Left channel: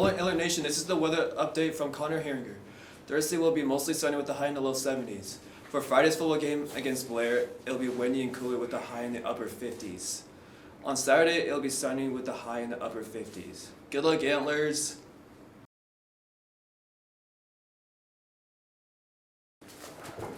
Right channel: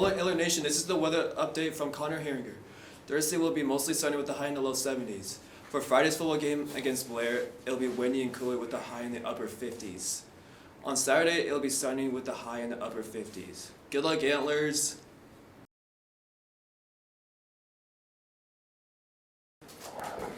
Hello, Antler Nation. This is the weather update from Connor Herringer. Thursday will be mostly sunny with a high in the low 70s. For Friday's football game against Blair, it'll be windy and cooler with a high in the upper 50s. On Saturday, it'll be sunny with a high in the upper 50s. Good luck, Antlers!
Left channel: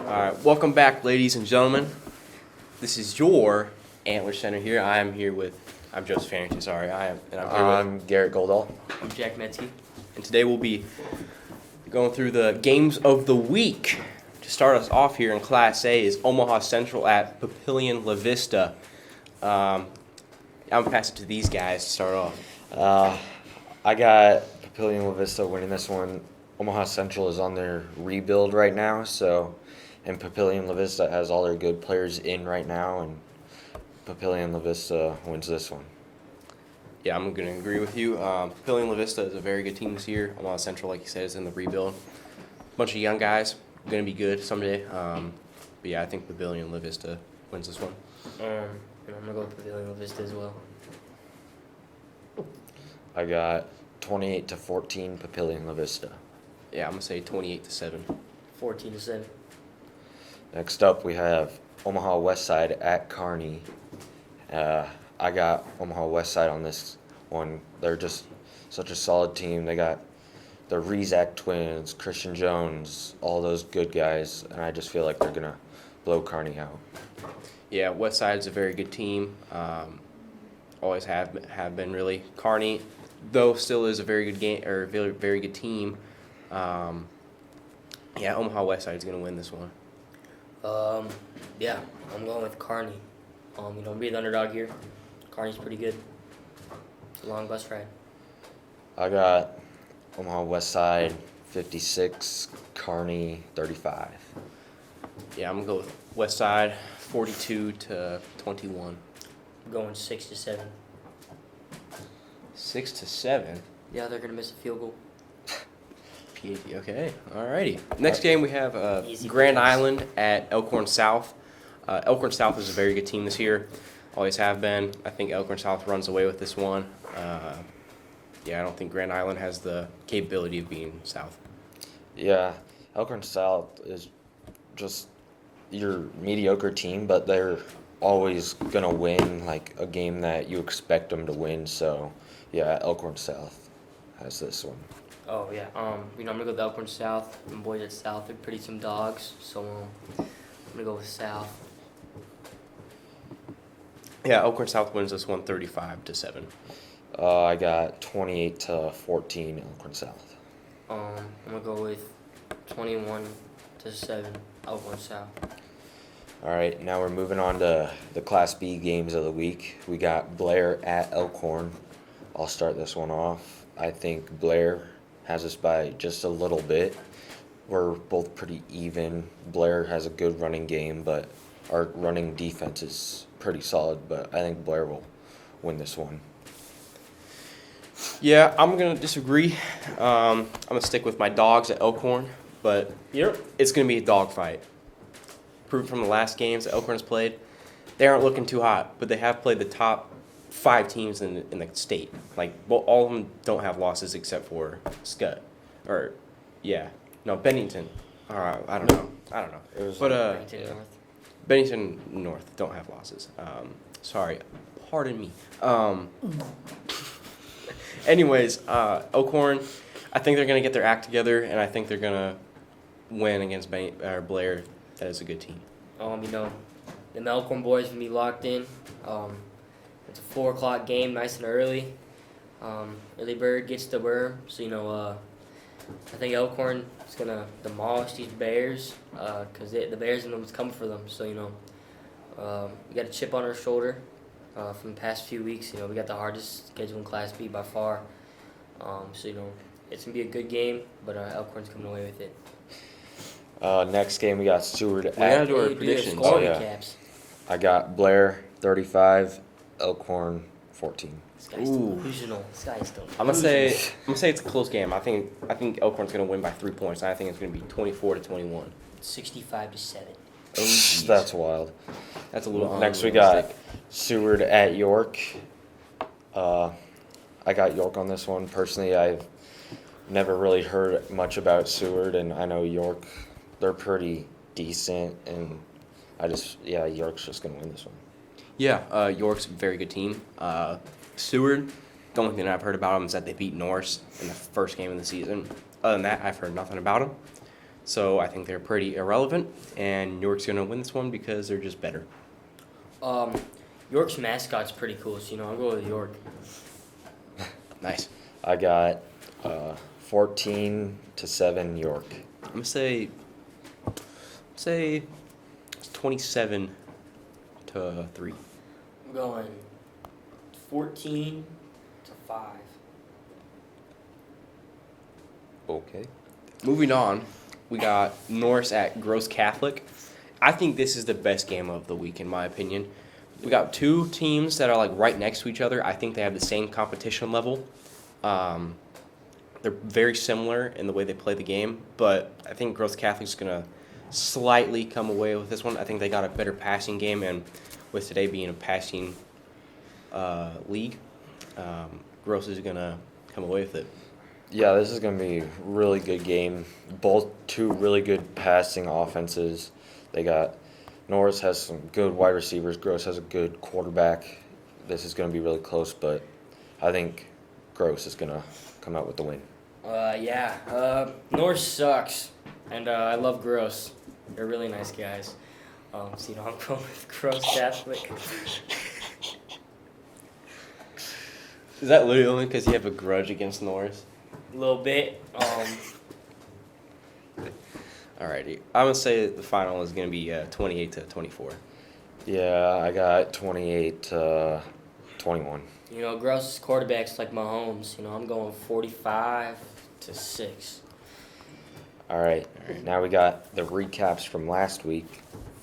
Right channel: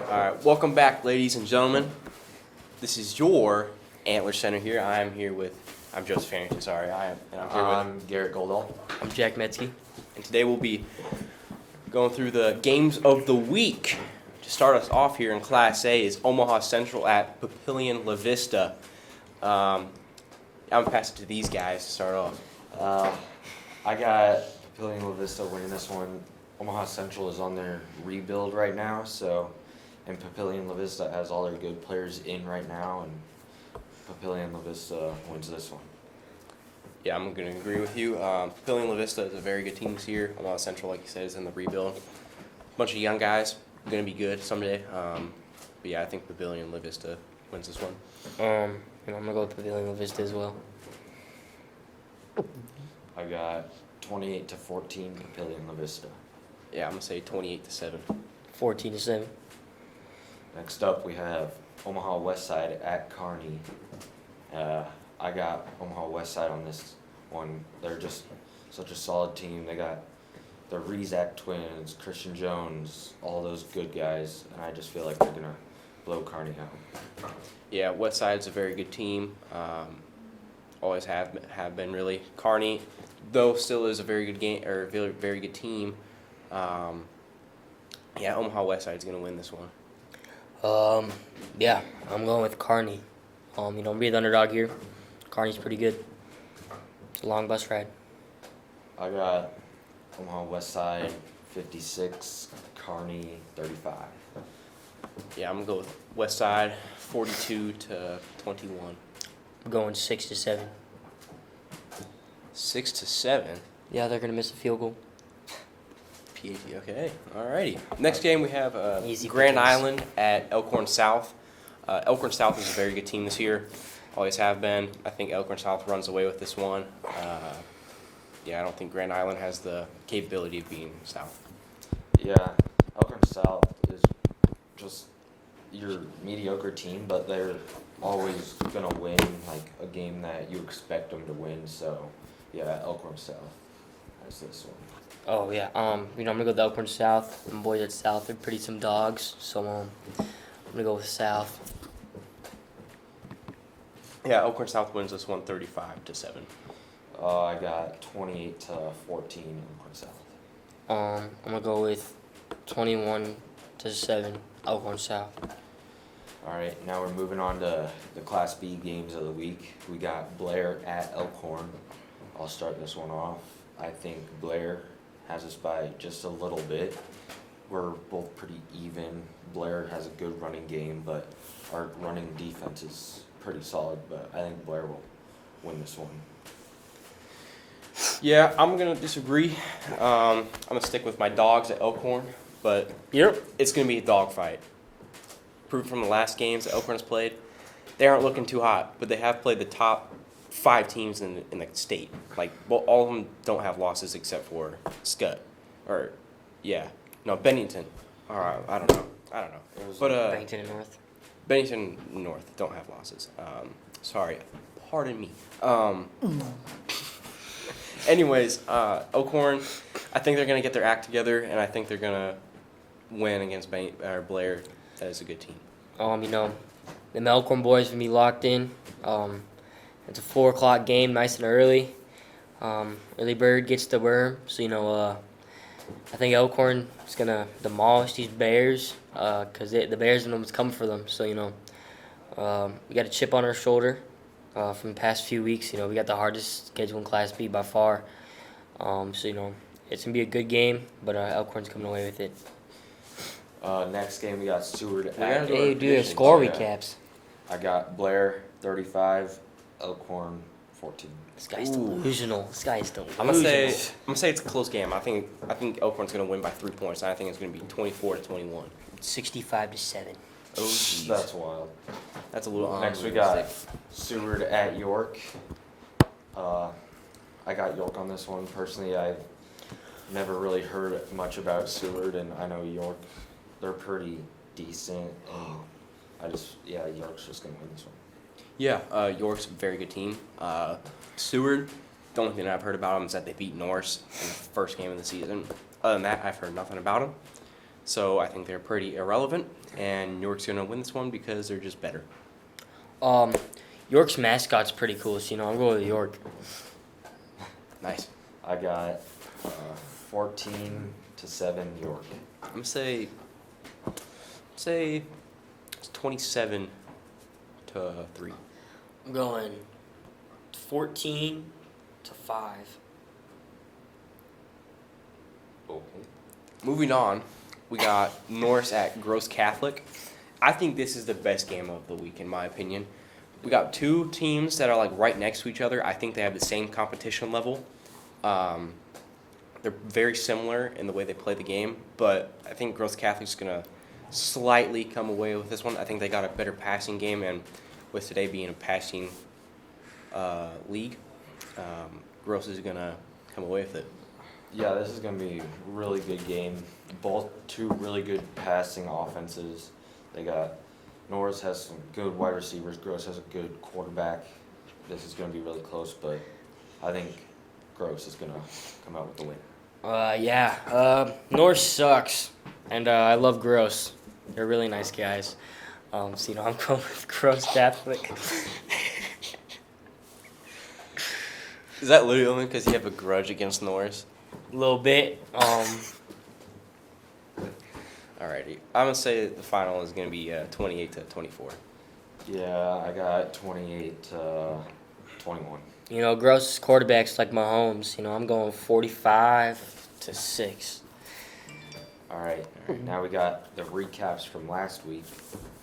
Alright, welcome back, ladies and gentlemen. This is your Antler Center here. I'm Joseph Harrington, sorry. I'm Garrett Goldall. I'm Jack Metzke. And today we'll be going through the games of the week. To start us off here in Class A is Omaha Central at Papillion La Vista. I'm going to pass it to these guys to start off. I got Papillion La Vista winning this one. Omaha Central is on their rebuild right now, and Papillion La Vista has all their good players in right now, and Papillion La Vista wins this one. Yeah, I'm going to agree with you. Papillion La Vista is a very good team this year. Omaha Central, like you said, is in the rebuild. Bunch of young guys, going to be good someday. But yeah, I think Papillion La Vista wins this one. And I'm going to go with Papillion La Vista as well. I got 28-14 Papillion La Vista. Yeah, I'm going to say 28-7. 14-7. Next up, we have Omaha Westside at Kearney. I got Omaha Westside on this one. They're just such a solid team. They got the Rezac twins, Christian Jones, all those good guys, and I just feel like they're going to blow Kearney out. Yeah, Westside's a very good team. Always have been really. Kearney, though, still is a very good game or very good team. Yeah, Omaha Westside's going to win this one. Yeah, I'm going with Kearney. Be the underdog here. Kearney's pretty good. It's a long bus ride. I got Omaha Westside 56, Kearney 35. Yeah, I'm going to go with Westside 42-21. I'm going 6-7. 6-7? Yeah, they're going to miss a field goal. PhD, okay. Alrighty. Next game we have Easy Grand points. Island at Elkhorn South. Elkhorn South is a very good team this year. Always have been. I think Elkhorn South runs away with this one. Yeah, I don't think Grand Island has the capability of being South. Yeah, Elkhorn South is just your mediocre team, but they're always going to win like a game that you expect them to win. So, yeah, Elkhorn South has this one. Oh, yeah. I'm going to go with Elkhorn South. My boys at South are pretty some dogs, so I'm going to go with South. Yeah, Elkhorn South wins this one 35-7. I got 28-14 Elkhorn South. I'm going to go with 21-7 Elkhorn South. All right, now we're moving on to the Class B games of the week. We got Blair at Elkhorn. I'll start this one off. I think Blair has us by just a little bit. We're both pretty even. Blair has a good running game, but our running defense is pretty solid, but I think Blair will win this one. Yeah, I'm going to disagree. I'm going to stick with my dogs at Elkhorn, but it's going to be a dogfight. Proved from the last games that Elkhorn has played, they aren't looking too hot, but they have played the top 5 teams in the state. Like, well, all of them don't have losses except for Scott. Bennington. All right, I don't know. But Bennington North. Bennington North don't have losses. Sorry, pardon me. Anyways, Elkhorn, I think they're gonna get their act together, and I think they're gonna win against Blair. That is a good team. The Elkhorn boys can be locked in. It's a 4:00 game, nice and early. Early bird gets the worm, so I think Elkhorn is gonna demolish these Bears because the Bears know what's coming for them. So we got a chip on our shoulder from the past few weeks. We got the hardest schedule in Class B by far. It's gonna be a good game, but Elkhorn's coming away with it. Next game we got Seward at. Hey, do your score recaps. I got Blair 35, Elkhorn 14. This guy's delusional. This guy is delusional. I'm gonna say it's a close game. I think Elkhorn's gonna win by 3 points. And I think it's gonna be 24-21. 65-7. Oh, That's wild. That's a little. Next we got Seward at York. I got York on this one. Personally, I never really heard much about Seward, and I know York, they're pretty decent, and York's just gonna win this one. Yeah, York's a very good team. Seward, the only thing I've heard about them is that they beat Norse in the first game of the season. Other than that, I've heard nothing about them. So I think they're pretty irrelevant, and York's going to win this one because they're just better. York's mascot's pretty cool, so I'll go with York. Nice. I got 14-7 York. I'm going to say it's 27-3. I'm going 14-5. Okay. Moving on, we got Norse at Gross Catholic. I think this is the best game of the week, in my opinion. We got two teams that are like right next to each other. I think they have the same competition level. They're very similar in the way they play the game, but I think Gross Catholic's going to slightly come away with this one. I think they got a better passing game, and with today being a passing league, Gross is going to come away with it. Yeah, this is going to be a really good game. Both two really good passing offenses. They got Norris has some good wide receivers. Gross has a good quarterback. This is going to be really close, but I think Gross is going to come out with the win. Norse sucks, and I love Gross. They're really nice guys. I'm going with Gross Catholic. Is that literally only because you have a grudge against Norris? A little bit. Alrighty. I'm going to say the final is going to be 28-24. Yeah, I got 28-21. Gross's quarterback's like Mahomes. I'm going 45-6. All right. Now we got the recaps from last week.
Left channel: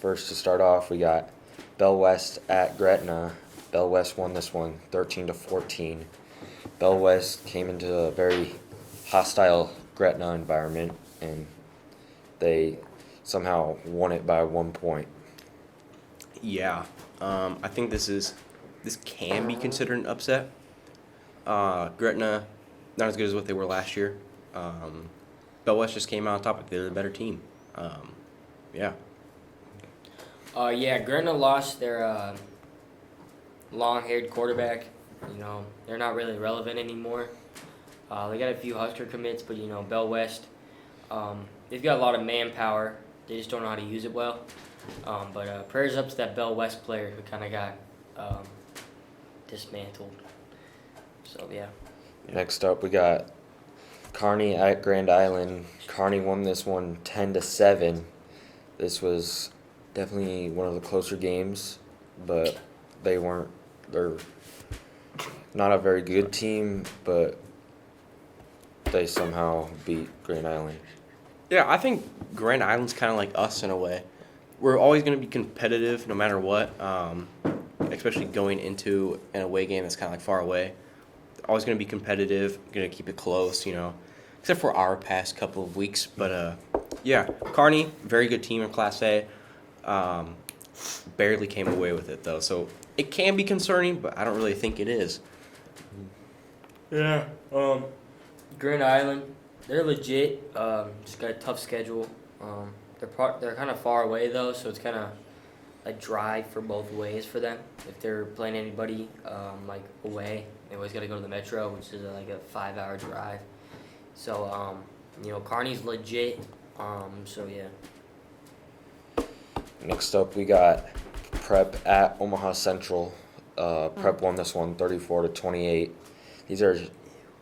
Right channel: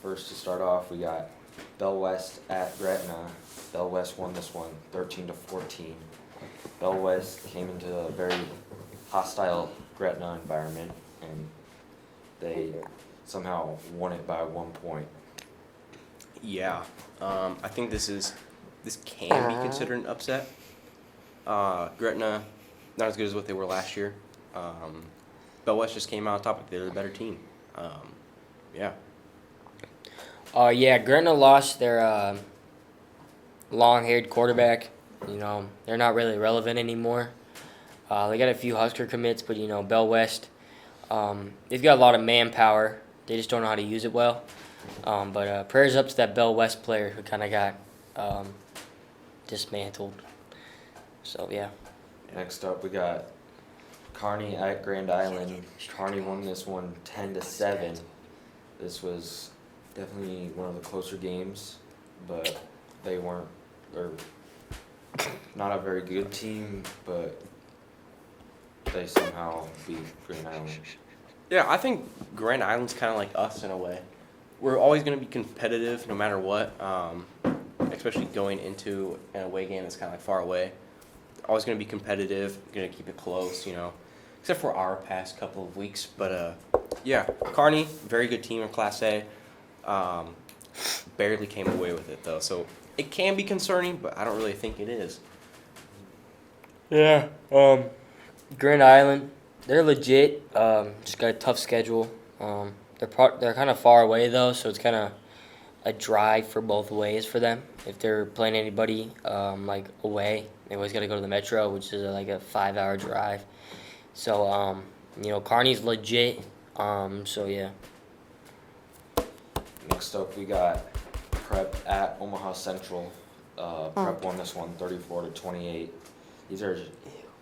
First to start off, we got Bell West at Gretna. Bell West won this one 13-14. Bell West came into a very hostile Gretna environment, and they somehow won it by 1 point. Yeah. I think this can be considered an upset. Gretna, not as good as what they were last year. Bell West just came out on top, but they're the better team. Yeah. Gretna lost their long-haired quarterback. They're not really relevant anymore. They got a few Husker commits, but Bell West, they've got a lot of manpower. They just don't know how to use it well. But prayers up to that Bell West player who kind of got dismantled. So yeah. Next up, we got Kearney at Grand Island. Kearney won this one 10-7. This was definitely one of the closer games, but they're not a very good team, but they somehow beat Grand Island. Yeah, I think Grand Island's kind of like us in a way. We're always going to be competitive no matter what, especially going into an away game that's kind of like far away. Always going to be competitive, going to keep it close, except for our past couple of weeks. But, Kearney, very good team in Class A. Barely came away with it, though. So it can be concerning, but I don't really think it is. Yeah. Grand Island, they're legit. Just got a tough schedule. They're kind of far away though, so it's kind of a drive for both ways for them. If they're playing anybody like away, they always got to go to the Metro, which is like a 5-hour drive. So Kearney's legit. So yeah. Next up, we got Prep at Omaha Central. Prep won this one 34-28. These are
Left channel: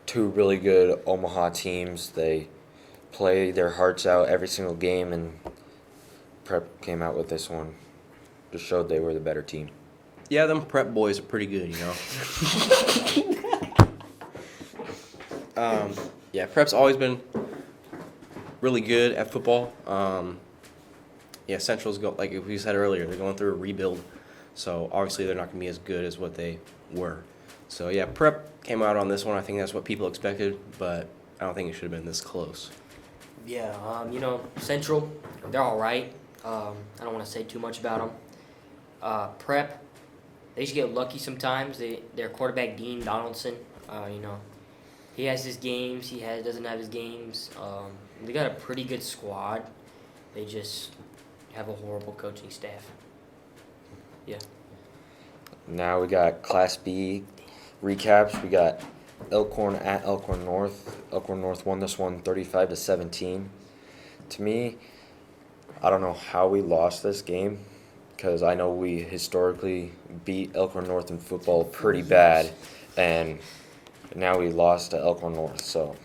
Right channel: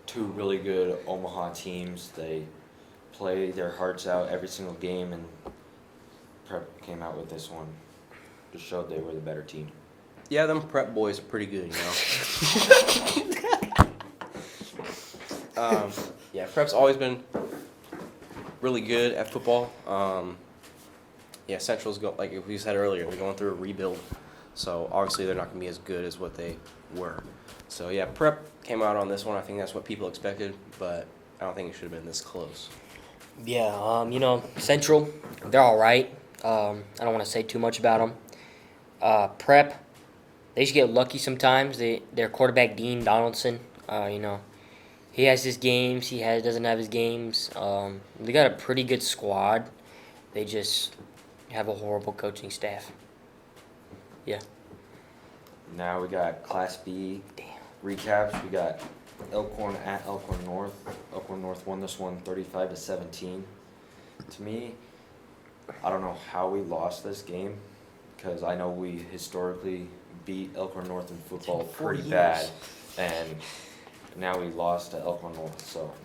two really good Omaha teams. They play their hearts out every single game, and Prep came out with this one. Just showed they were the better team. Yeah, them Prep boys are pretty good, Prep's always been really good at football. Central's like we said earlier, they're going through a rebuild, so obviously they're not going to be as good as what they were. So yeah, Prep came out on this one. I think that's what people expected, but I don't think it should have been this close. Yeah, Central, they're all right. I don't want to say too much about them. Prep, they should get lucky sometimes. Their quarterback, Dean Donaldson, he has his games. Doesn't have his games. They got a pretty good squad. They just have a horrible coaching staff. Yeah. Now we got Class B recaps. We got Elkhorn at Elkhorn North. Elkhorn North won this one 35-17. To me, I don't know how we lost this game because I know we historically beat Elkhorn North in football pretty bad, and now we lost to Elkhorn North. So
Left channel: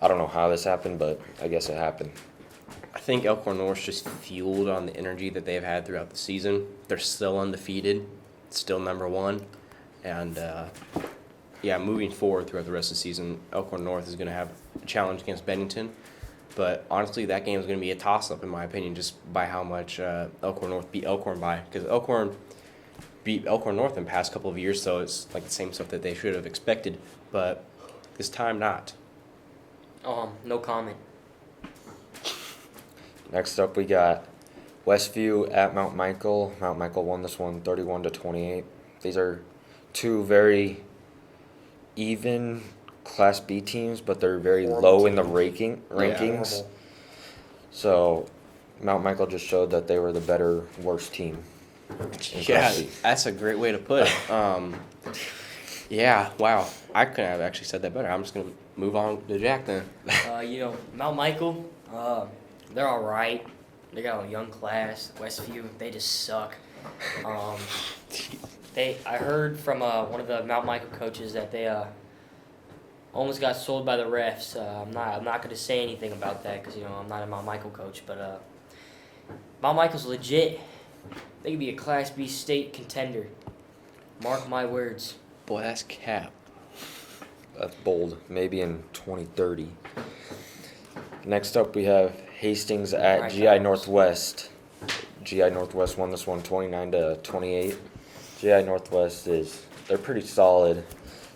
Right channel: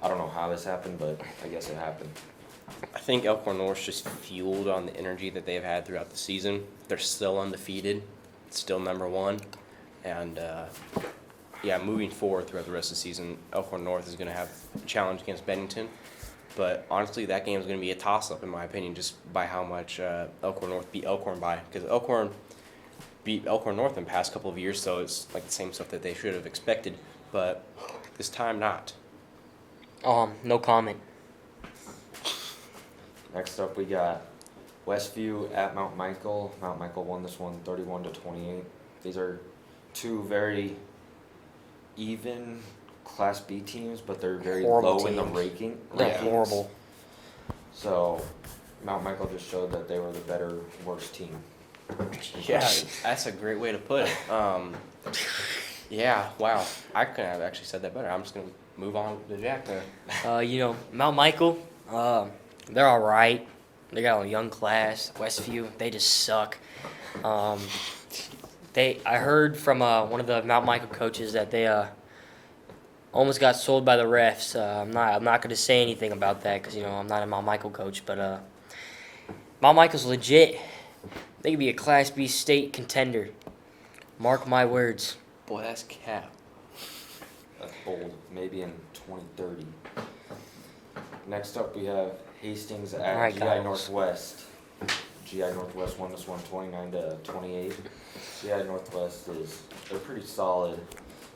I don't know how this happened, but I guess it happened. I think Elkhorn North's just fueled on the energy that they've had throughout the season. They're still undefeated, still number one, and moving forward throughout the rest of the season, Elkhorn North is going to have a challenge against Bennington. But honestly, that game is going to be a toss-up, in my opinion, just by how much Elkhorn North beat Elkhorn by. Because Elkhorn beat Elkhorn North in the past couple of years, so it's like the same stuff that they should have expected. But this time, not. No comment. Next up, we got Westview at Mount Michael. Mount Michael won this one 31-28. These are two very even Class B teams, but they're very low in the rankings. Horrible. So Mount Michael just showed that they were the better, worse team. Yeah, that's a great way to put it. Yeah, wow. I couldn't have actually said that better. I'm just going to move on to Jack there. Mount Michael, they're all right. They got a young class. Westview, they just suck. I heard from one of the Mount Michael coaches that they almost got sold by the refs. I'm not going to say anything about that because I'm not a Mount Michael coach, but Mount Michael's legit. They could be a Class B state contender. Mark my words. Boy, that's cap. That's bold. Maybe in 2030. Next up, we have Hastings at Alright, GI guys. Northwest. GI Northwest won this one 29-28. GI Northwest they're pretty solid.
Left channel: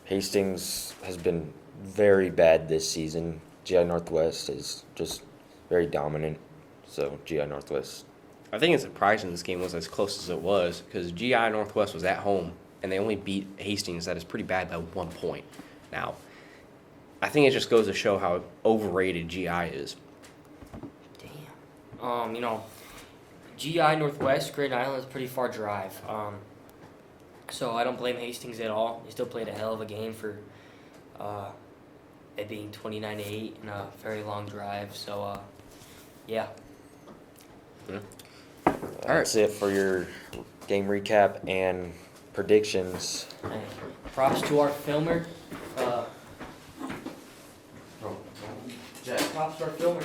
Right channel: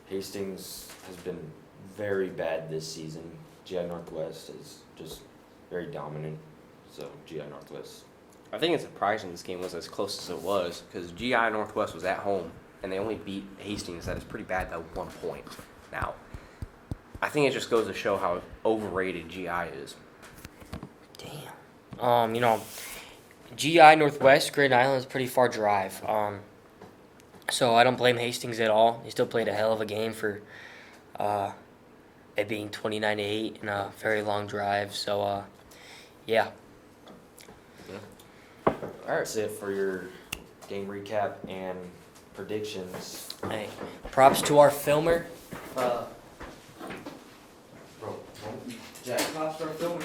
Hastings has been very bad this season. GI Northwest is just very dominant. So GI Northwest. I think it's surprising this game was as close as it was because GI Northwest was at home and they only beat Hastings. That is pretty bad by 1 point. Now, I think it just goes to show how overrated GI is. Damn. GI Northwest, Grand Island is a pretty far drive. So I don't blame Hastings at all. They still played a hell of a game for it being 29-8 and a very long drive. So, yeah. That's it for your game recap and predictions. Hey, props to our filmer. Props to our filmer.